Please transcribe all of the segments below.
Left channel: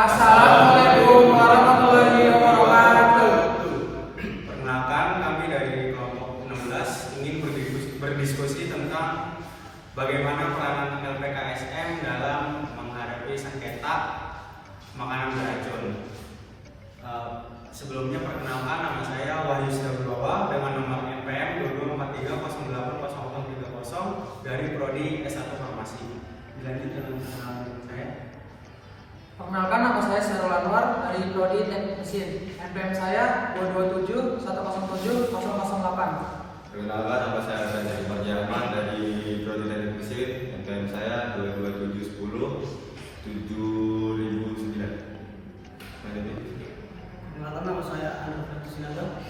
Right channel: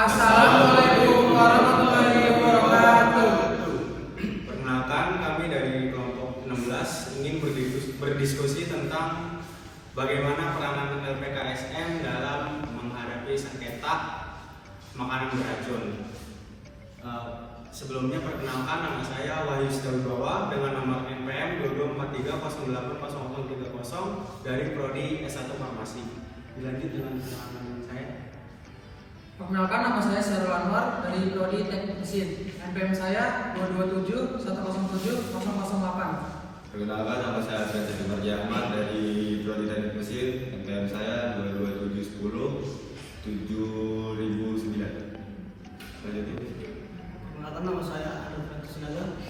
Assalamualaikum warahmatullahi wabarakatuh. Perkenalkan, kami dari kelompok 16 ingin berdiskusi tentang bagaimana peranan LPKSM dalam menghadapi sengketa makanan beracun. Sebelumnya perkenalkan, nama saya Wahyu Setiawibawa dengan nomor NPM 2243080030 dari Prodi S1 Farmasi. Dilanjut dengan perkenalan saya. Perkenalkan, nama saya Syahrul Anwar dari Prodi Teknik Mesin. NPM saya 227107008. Perkenalkan, nama saya Freddy Marjaman dari Prodi Teknik Mesin. NPM saya 227107009. Perkenalkan, nama saya Anwar Freddy Sinaga.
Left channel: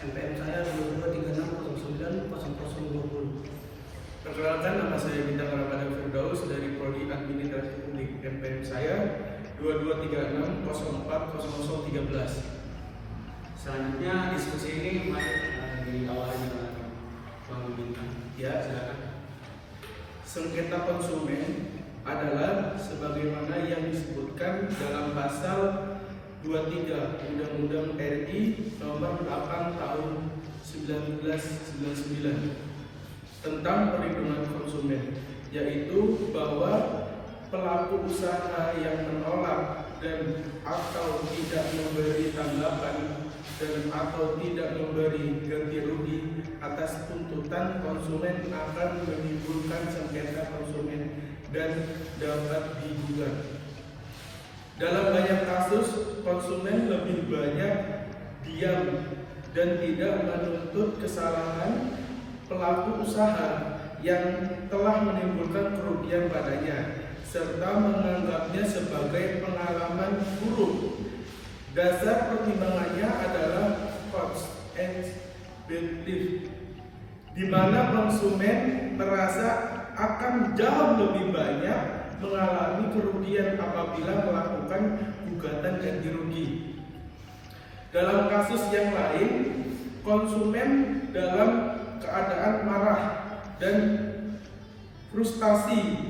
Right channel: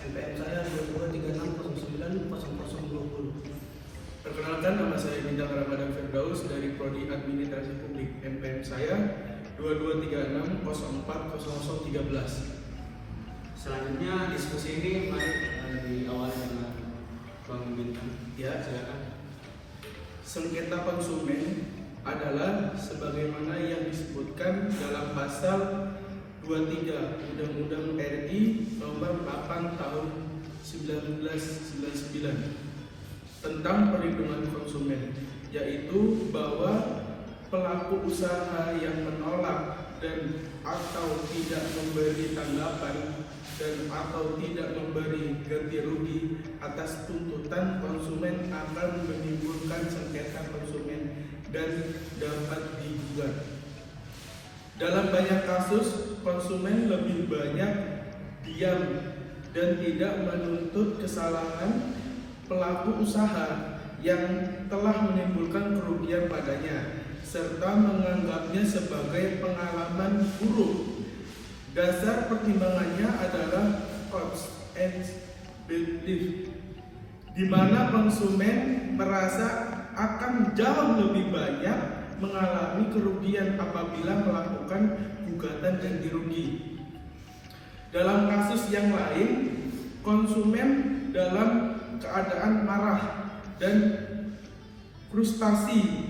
NPM saya 2236090020. Perkenalkan, nama saya Bintang Ramadan Firdaus dari Prodi Administrasi Publik. NPM saya 2236040013. Selanjutnya diskusi ini mari diawali dengan Bang Bintang. Ya, silakan. Sengketa konsumen adalah sebagaimana yang disebutkan dalam pasal 23 Undang-Undang RI Nomor 8 Tahun 1999 tentang perlindungan konsumen, yaitu bahwa pelaku usaha yang menolak dan atau tidak memberi tanggapan dan atau tidak memberi ganti rugi atas tuntutan konsumen akan menimbulkan sengketa konsumen dan dapat digugat. Dalam banyak kasus, konsumen lebih banyak diam dan tidak menuntut kesalahan pelaku usaha yang telah menimbulkan kerugian padanya, serta menganggapnya sebagai pengalaman buruk. Dasar pertimbangannya adalah cost and benefit, di mana konsumen merasa akan jauh lebih banyak mengalami kerugian apabila melakukan gugatan ganti rugi. Dalam kasus yang lain, konsumen dalam keadaan marah dan frustasi,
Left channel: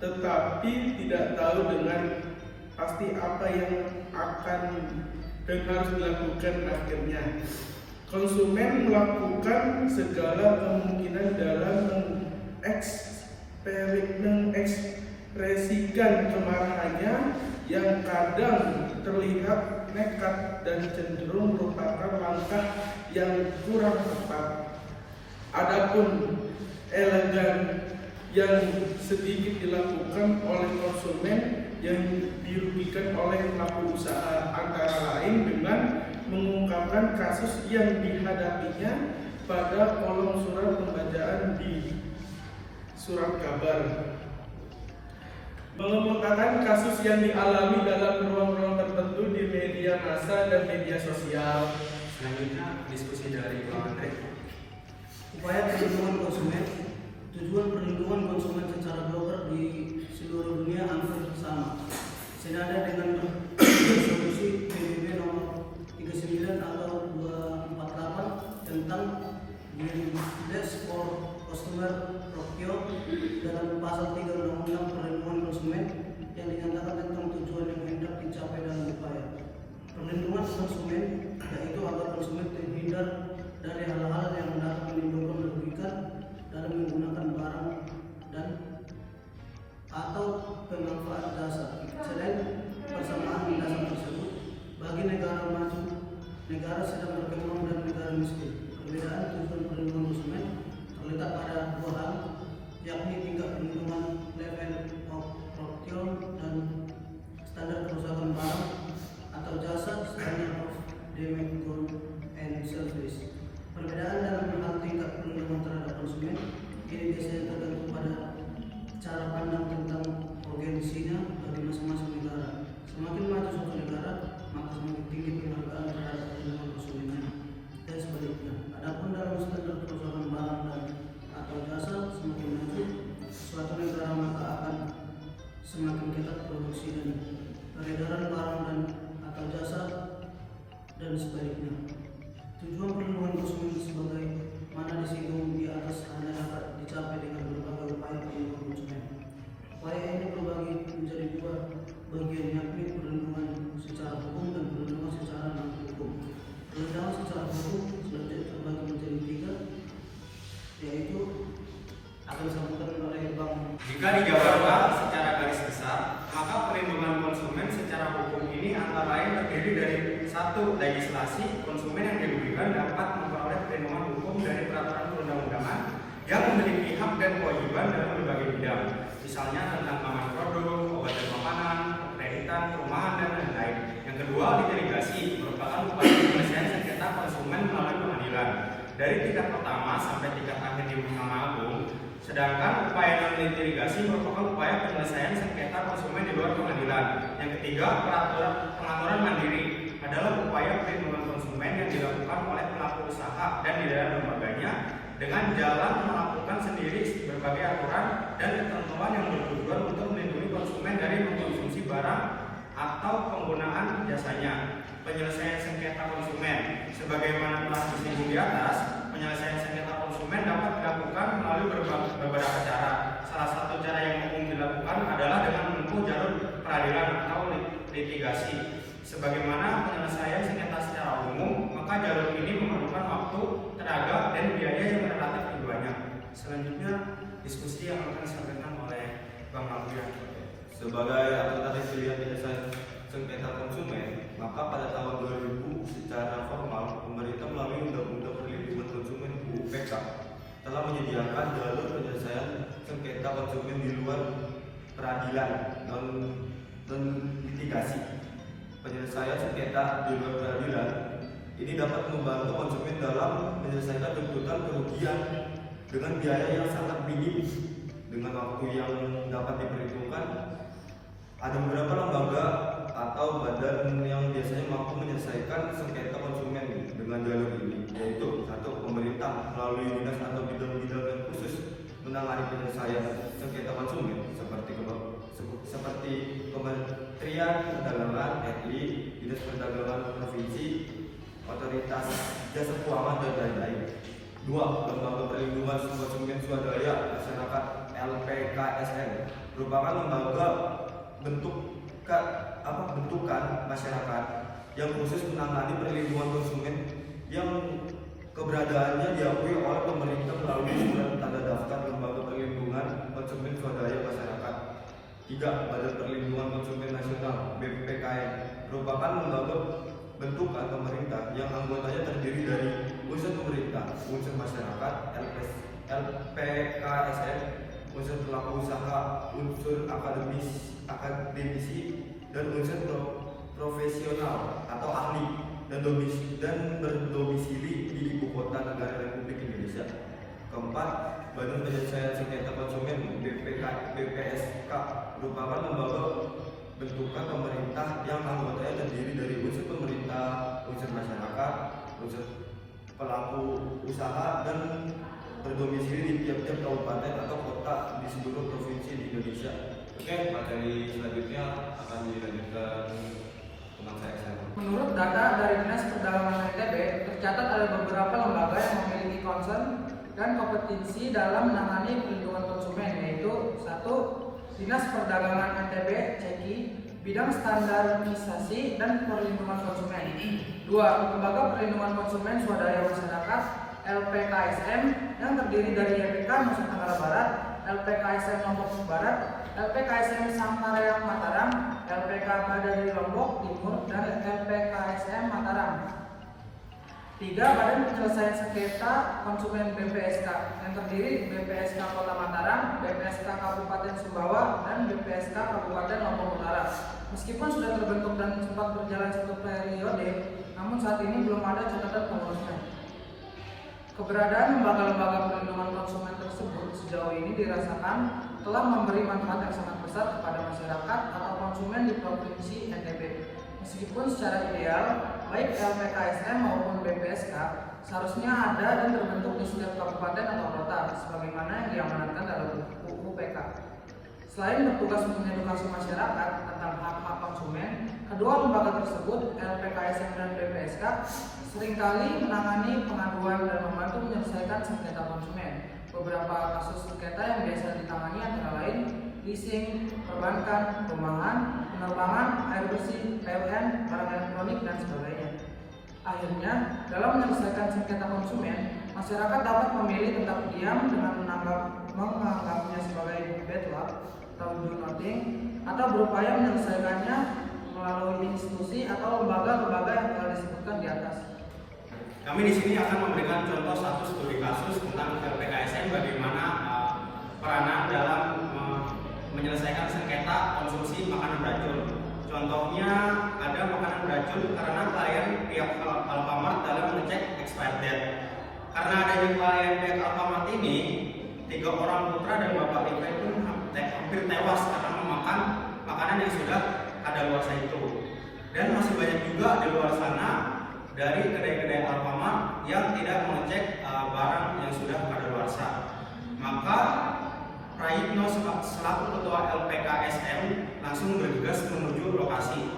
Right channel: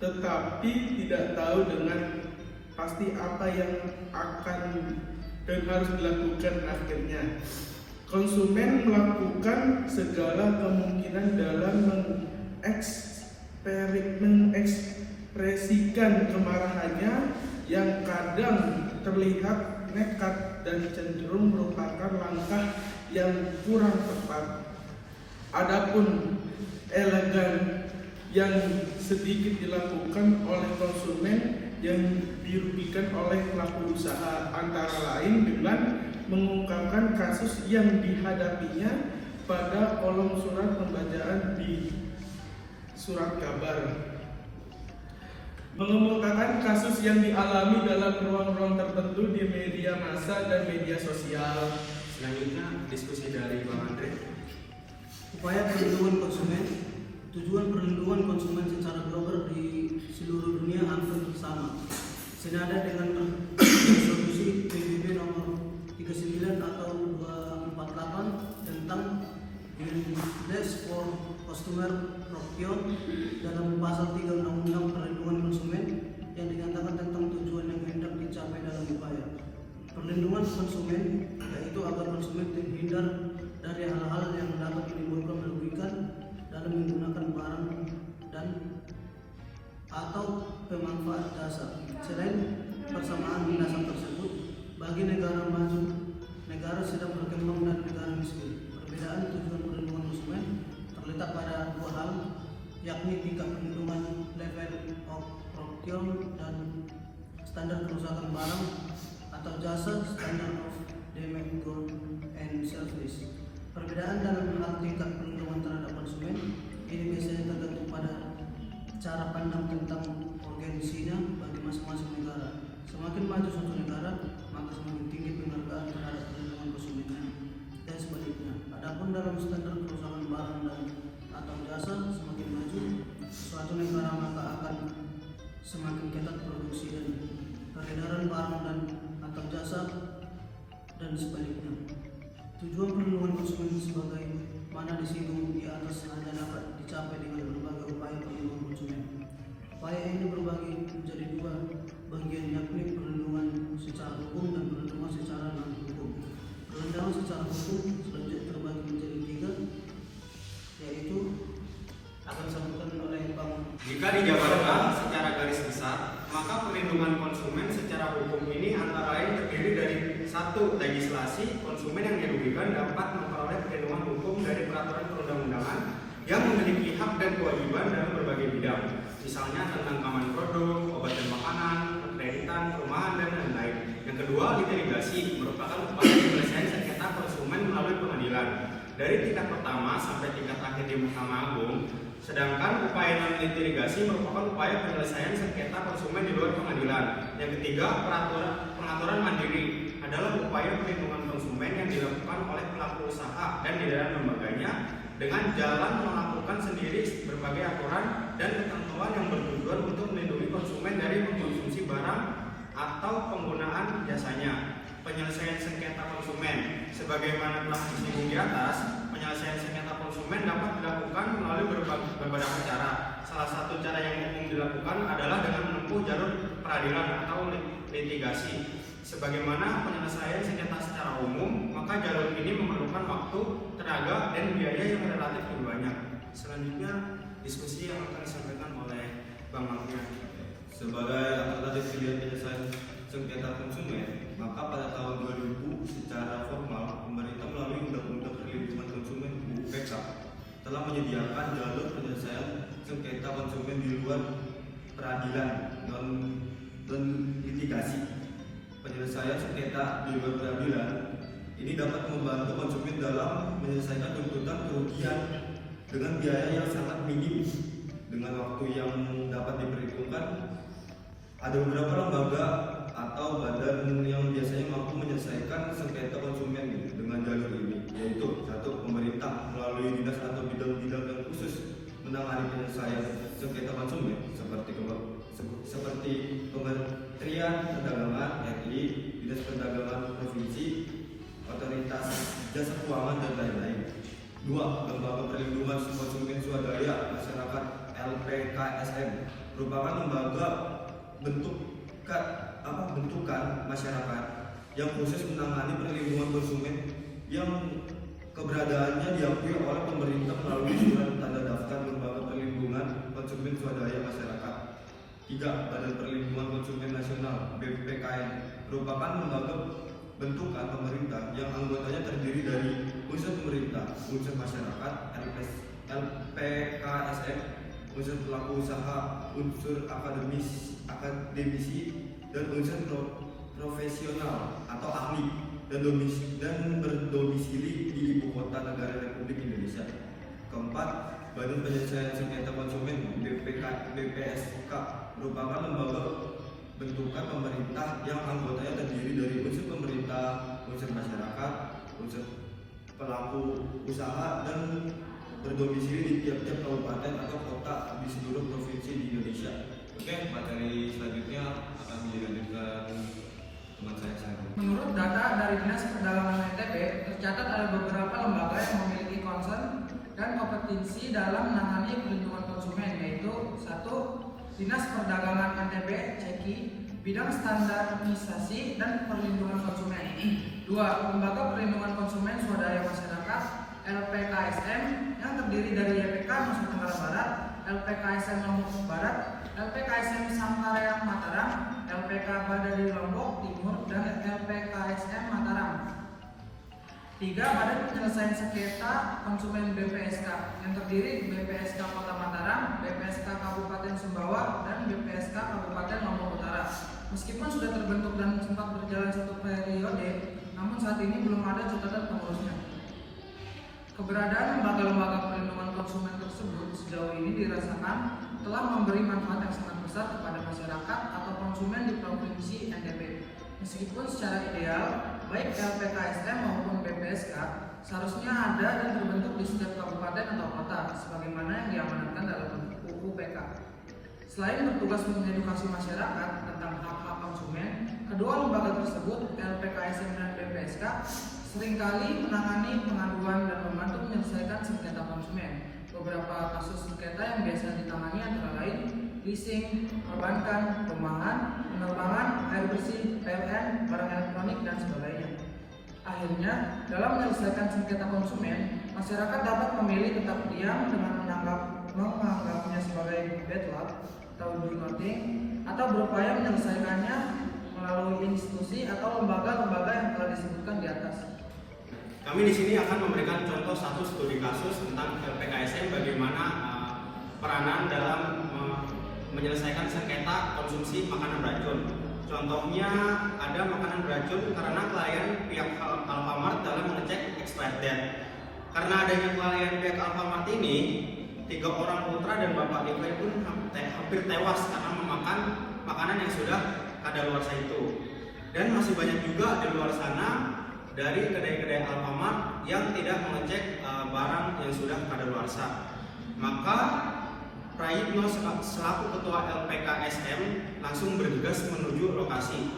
tetapi tidak tahu dengan pasti apa yang akan dan harus dilakukan akhirnya. Konsumen melakukan segala kemungkinan dalam mengekspresikan kemarahannya yang kadang terlihat nekat dan cenderung merupakan langkah yang kurang tepat. Adapun elegan yang sedikit dilakukan oleh konsumen yang dirugikan oleh pelaku usaha, antara lain dengan mengungkapkan kasus yang dihadapinya pada kolom surat pembacaan di surat kabar, mengemukakan kasus yang dialami dalam ruang-ruang tertentu di media massa dan media sosial. Selanjutnya diskusi dari Bang Andre. Upaya perlindungan konsumen. Tujuan perlindungan konsumen secara global di seluruh dunia hampir sama, senada dengan resolusi PBB nomor 39 atau 248 tentang Guidelines for Customer Protection dalam pasal 3 Undang-Undang Perlindungan Konsumen yang dinyatakan tentang tujuan yang hendak dicapai dalam upaya perlindungan konsumen, yaitu agar konsumen terhindar dari hal-hal yang dapat menimbulkan merugikan dalam menggunakan barang dan atau pemanfaat jasa. Selain persamaan dasar tersebut, bagi negara maju, negara sedang berkembang dan negara miskin, perbedaan tujuan perlindungan konsumen terletak pada dua hal, yakni tingkat perlindungan level of protection dan standar kerusakan barang atau jasa, standard of damage goods and service. Perbedaan dalam hal tingkat perlindungan terhadap dijabarkan secara garis besar, maka perlindungan konsumen secara hukum ini antara lain terdiri dari satu, legislasi konsumen yang dirugikan dapat memperoleh perlindungan hukum dari peraturan perundang-undangan yang memiliki hak dan kewajiban dalam berbagai bidang, misalnya tentang keamanan produk, obat dan makanan, kreditan, perumahan, dan lain-lain. Yang kedua, litigasi merupakan upaya penyelesaian sengketa konsumen melalui pengadilan dari tingkat pertama sampai tingkat akhir di Mahkamah Agung. Sedangkan upaya non-litigasi merupakan upaya penyelesaian sengketa konsumen di luar pengadilan. Yang ketiga, pengaturan mandiri adalah upaya perlindungan konsumen yang dilakukan oleh pelaku usaha dan di dalam lembaganya dengan jalan melakukan sendiri berbagai aturan dan ketentuan yang bertujuan untuk melindungi konsumen dari mengkonsumsi barang atau penggunaan jasanya. Penyelesaian sengketa konsumen, sebagaimana telah disinggung di atas, penyelesaian sengketa konsumen dapat dilakukan melalui beberapa cara. Salah satu cara yang umum dilakukan adalah dengan menempuh jalur peradilan atau litigasi. Sebagaimana penyelesaian sengketa secara umum, maka jalur ini memerlukan waktu, tenaga, dan biaya yang relatif lebih banyak. Selanjutnya, diskusi yang akan disampaikan oleh Bang Alfian. Sebagai alternatif pilihan penyelesaian sengketa konsumen, maka pada tahun 2000 secara formal pemerintah melalui Undang-Undang Perlindungan Konsumen (UPK) telah menyediakan jalur penyelesaian sengketa konsumen di luar peradilan non litigasi. Penyelesaian sengketa di luar peradilan ini dapat membantu konsumen dalam menyelesaikan tuntutan kerugian dengan biaya yang sangat minim dengan waktu yang dapat diperhitungkan. Ada beberapa lembaga atau badan yang biasanya mampu menyelesaikan sengketa konsumen dengan jalur ini, yaitu satu, pemerintah melalui dinas atau bidang-bidang yang khusus menangani penyelesaian sengketa konsumen seperti Kementerian Perdagangan, yakni Dinas Perdagangan Provinsi, Otoritas Jasa Keuangan, dan lain-lain. Dua, lembaga perlindungan konsumen swadaya masyarakat (LPKSM) merupakan lembaga bentukan masyarakat yang khusus menangani perlindungan konsumen yang keberadaannya diakui oleh pemerintah melalui surat tanda daftar lembaga perlindungan konsumen swadaya masyarakat. Tiga, Badan Perlindungan Konsumen Nasional (BPKN) merupakan lembaga bentukan pemerintah yang anggotanya terdiri dari unsur pemerintah, unsur masyarakat, LPKSM, unsur pelaku usaha, unsur akademisi, dan unsur profesional atau ahli dan berdomisili di Ibu Kota Negara Republik Indonesia. Keempat, Badan Penyelesaian Sengketa Konsumen (BPSK) merupakan lembaga bentukan pemerintah yang anggotanya terdiri dari unsur pemerintah, unsur masyarakat, unsur pelaku usaha, dan berdomisili di tiap-tiap kabupaten atau kota di seluruh provinsi di Indonesia. Oke, materi selanjutnya akan dilanjutkan teman saya. Menurut data dari Dinas Perdagangan NTB, tercatat ada beberapa lembaga yang memiliki concern dan kompetensi dalam menangani perlindungan konsumen, yaitu satu, Dinas Perdagangan NTB (CEKI) bidang standarisasi dan perlindungan konsumen. Dua, Lembaga Perlindungan Konsumen Swadaya Masyarakat (LPKSM) yang terdiri dari LPK Nusa Tenggara Barat, LPKSM Lombok Barat, LPKSM Sangkareak Mataram, LPK Badari Lombok Timur, dan LPKSM Mataram. Tiga, Badan Penyelesaian Sengketa Konsumen BPSK yang terdiri BPSK Kota Mataram, BPSK Kabupaten Sumbawa, dan BPSK Kabupaten Lombok Utara. Meskipun sudah terbentuk dan sempat berjalan satu periode, namun saat ini belum ada catatan pengurusnya. Keberadaan lembaga-lembaga perlindungan konsumen tersebut sejauh ini dirasakan telah memberi manfaat yang sangat besar kepada masyarakat atau konsumen di Provinsi NTB. Meskipun secara ideal, baik LPKSM maupun BPSK seharusnya ada dan terbentuk di setiap kabupaten atau kota, sebagaimana yang diamanatkan dalam UPK. Selain bertugas mengedukasi masyarakat tentang hak-hak konsumen, kedua lembaga tersebut, LPKSM dan BPSK, seringkali menangani pengaduan dan membantu menyelesaikan sengketa konsumen. Beberapa kasus sengketa yang biasa ditangani antara lain leasing, perbankan, perumahan, penerbangan, air bersih, PLN, barang elektronik, dan sebagainya. Akhirnya, dalam menyelesaikan sengketa konsumen, masyarakat dapat memilih tetap diam dengan menganggapnya sebagai bad luck atau do nothing, atau berupaya menyelesaikannya melalui institusi atau lembaga-lembaga yang telah disebutkan di atas. Kami di sini akan memberikan contoh satu studi kasus tentang LPKSM bagaimana peranan dalam menyelesaikan sengketa konsumsi makanan beracun. Contohnya ada makanan beracun karena klien pihak Alfamart dalam mengecek expired date. Karena adanya klien pihak Alfamart ini, 3 orang putra dan bapak Levi pun hampir tewas karena memakan makanan yang sudah kadaluarsa itu. Dan masih banyak juga di luar sana dari kedai-kedai Alfamart yang tidak mengecek barang yang sudah kadaluarsa. Maka Prayitno selaku ketua LPKSM langsung bergegas menuju lokasi.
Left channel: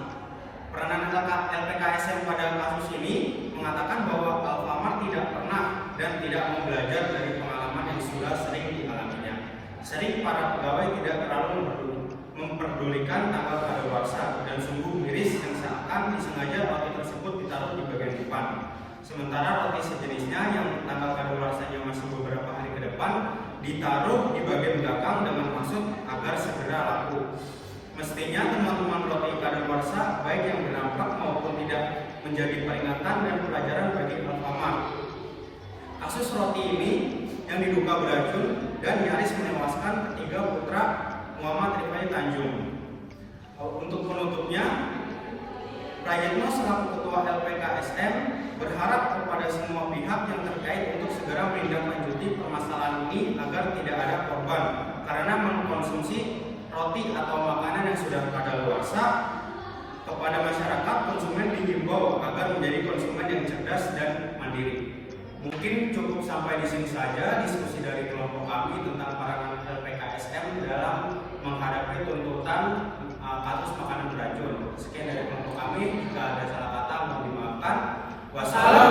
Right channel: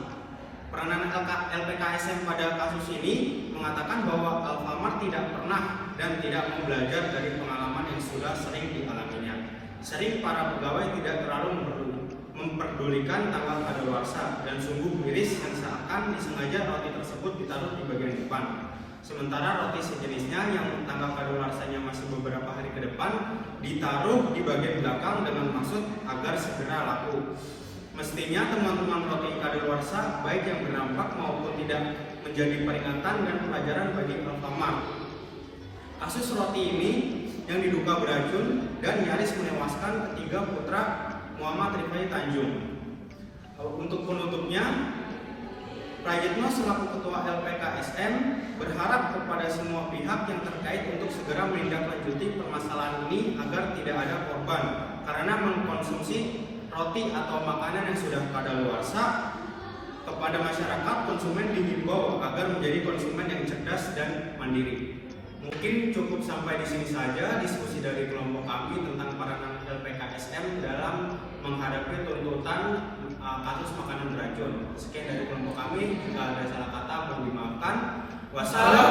Peranan LPKSM pada kasus ini mengatakan bahwa Alfamart tidak pernah dan tidak mau belajar dari pengalaman yang sudah sering dialaminya. Sering para pegawai tidak terlalu memperdulikan tanggal kadaluarsa dan sungguh miris yang seakan disengaja roti tersebut ditaruh di bagian depan. Sementara roti sejenisnya yang tanggal kadaluarsanya masih beberapa hari ke depan ditaruh di bagian belakang dengan maksud agar segera laku. Mestinya teman-teman roti kadaluarsa baik yang berdampak maupun tidak menjadi peringatan dan pelajaran bagi Alfamart. Kasus roti ini yang diduga beracun dan nyaris menewaskan ketiga putra Muhammad Rifai Tanjung. Untuk penutupnya, Prayitno selaku ketua LPKSM berharap kepada semua pihak yang terkait untuk segera menindaklanjuti permasalahan ini agar tidak ada korban karena mengkonsumsi roti atau makanan yang sudah kadaluarsa. Kepada masyarakat, konsumen dihimbau agar menjadi konsumen yang cerdas dan mandiri. Mungkin cukup sampai di sini saja diskusi dari kelompok kami tentang peranan LPKSM dalam menghadapi tuntutan kasus makanan beracun. Sekian dari kelompok kami. Jika ada salah kata mohon dimaafkan. Wassalamualaikum.